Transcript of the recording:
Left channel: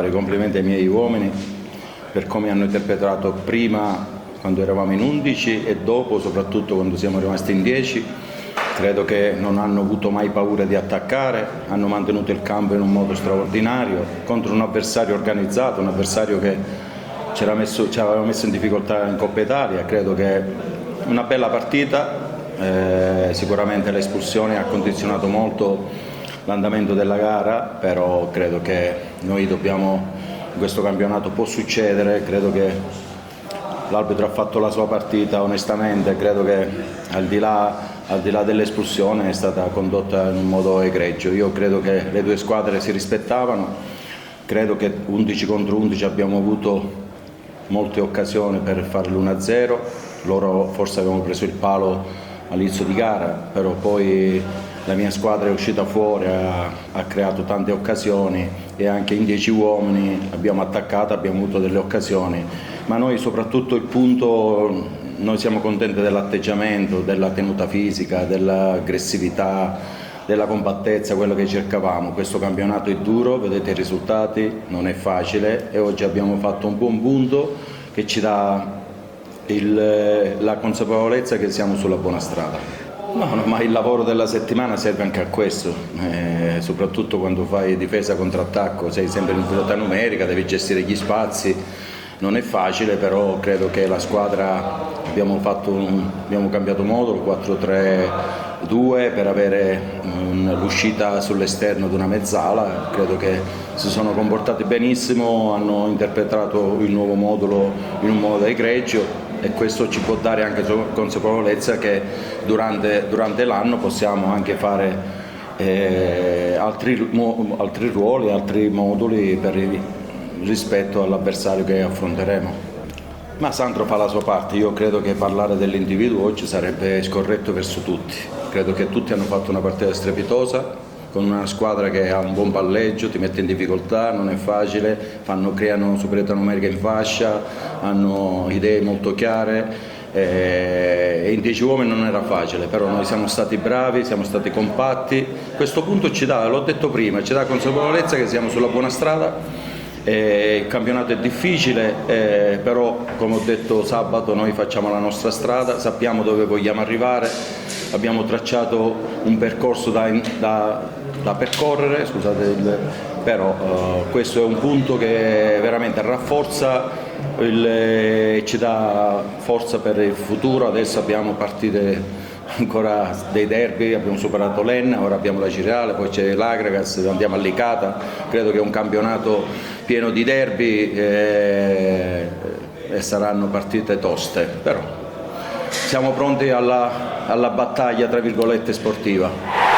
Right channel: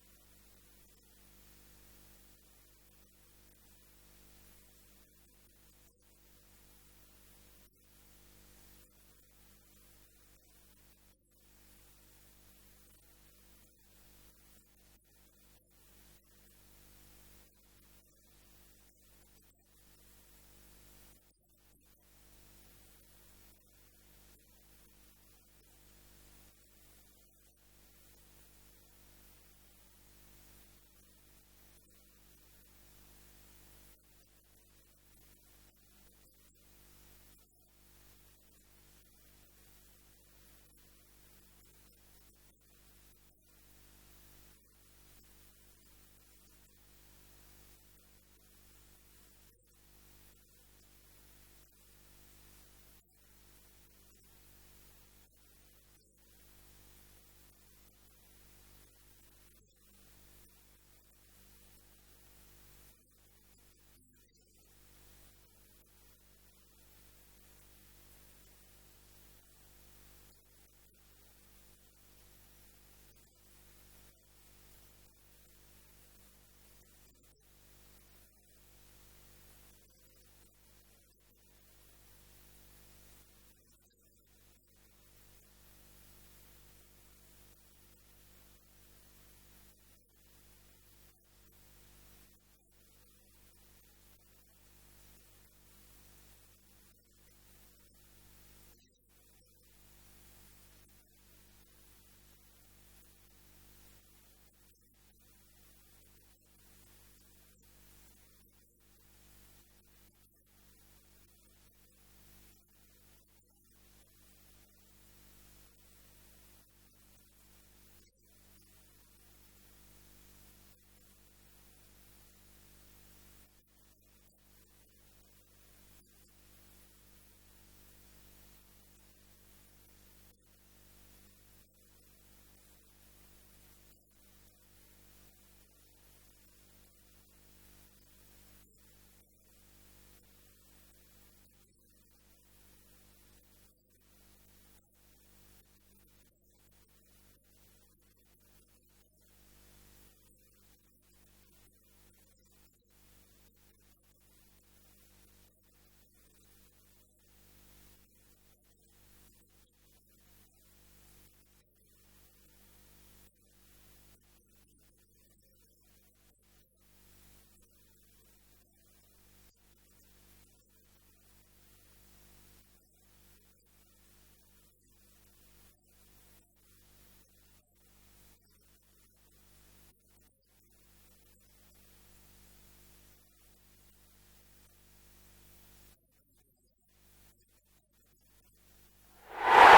fare i complimenti ai miei uomini per come hanno interpretato prima quando eravamo in 11 e dopo, soprattutto quando siamo rimasti in 10. Credo che non hanno avuto mai paura di attaccare, hanno mantenuto il campo in un modo straordinario contro un avversario organizzato, un avversario che ci aveva messo in difficoltà in Coppa Italia. Credo che una bella partita, sicuramente l'espulsione ha condizionato molto l'andamento della gara, però credo che noi dobbiamo, in questo campionato può succedere, credo che l'arbitro ha fatto la sua partita onestamente, credo che al di là dell'espulsione è stata condotta in un modo egregio. Io credo che le due squadre si rispettavano, credo che 11 contro 11 abbiamo avuto molte occasioni per fare l'1-0, loro forse avevano preso il palo all'inizio di gara, però poi la mia squadra è uscita fuori, ha creato tante occasioni e anche in 10 uomini abbiamo attaccato, abbiamo avuto delle occasioni, ma noi soprattutto il punto, noi siamo contenti dell'atteggiamento, della tenuta fisica, dell'aggressività, della compattezza, quello che cercavamo. Questo campionato è duro, vedete i risultati, non è facile e oggi abbiamo fatto un buon punto che ci dà la consapevolezza che siamo sulla buona strada. No, ma il lavoro della settimana serve anche a questo, soprattutto quando fai difesa contro attacco, sei sempre in velocità numerica, devi gestire gli spazi, non è facile, però credo che la squadra abbiamo cambiato modulo 4-3-2 per avere l'uscita sull'esterno di una mezzala. Credo che si sono comportati benissimo, hanno interpretato il nuovo modulo in un modo egregio e questo ci può dare anche consapevolezza che durante l'anno possiamo anche fare altri ruoli, altri moduli rispetto all'avversario che affronteremo. Ma Sandro fa la sua parte, io credo che parlare dell'individuo oggi sarebbe scorretto verso tutti. Credo che tutti hanno fatto una partita strepitosa, con una squadra che ha un buon palleggio, ti mette in difficoltà, non è facile, creano superiorità numerica in fascia, hanno idee molto chiare. E in 10 uomini non era facile, però noi siamo stati bravi, siamo stati compatti. Questo punto ci dà, l'ho detto prima, ci dà consapevolezza che siamo sulla buona strada. Il campionato è difficile, però come ho detto sabato noi facciamo la nostra strada, sappiamo dove vogliamo arrivare, abbiamo tracciato un percorso da percorrere, però questo è un punto che veramente rafforza e ci dà forza per il futuro. Adesso abbiamo partite ancora dei derby, abbiamo superato l'Enna, ora abbiamo la Cireale, poi c'è l'Agragas, andiamo a Licata. Credo che è un campionato pieno di derby e saranno partite toste, però siamo pronti alla battaglia tra virgolette sportiva.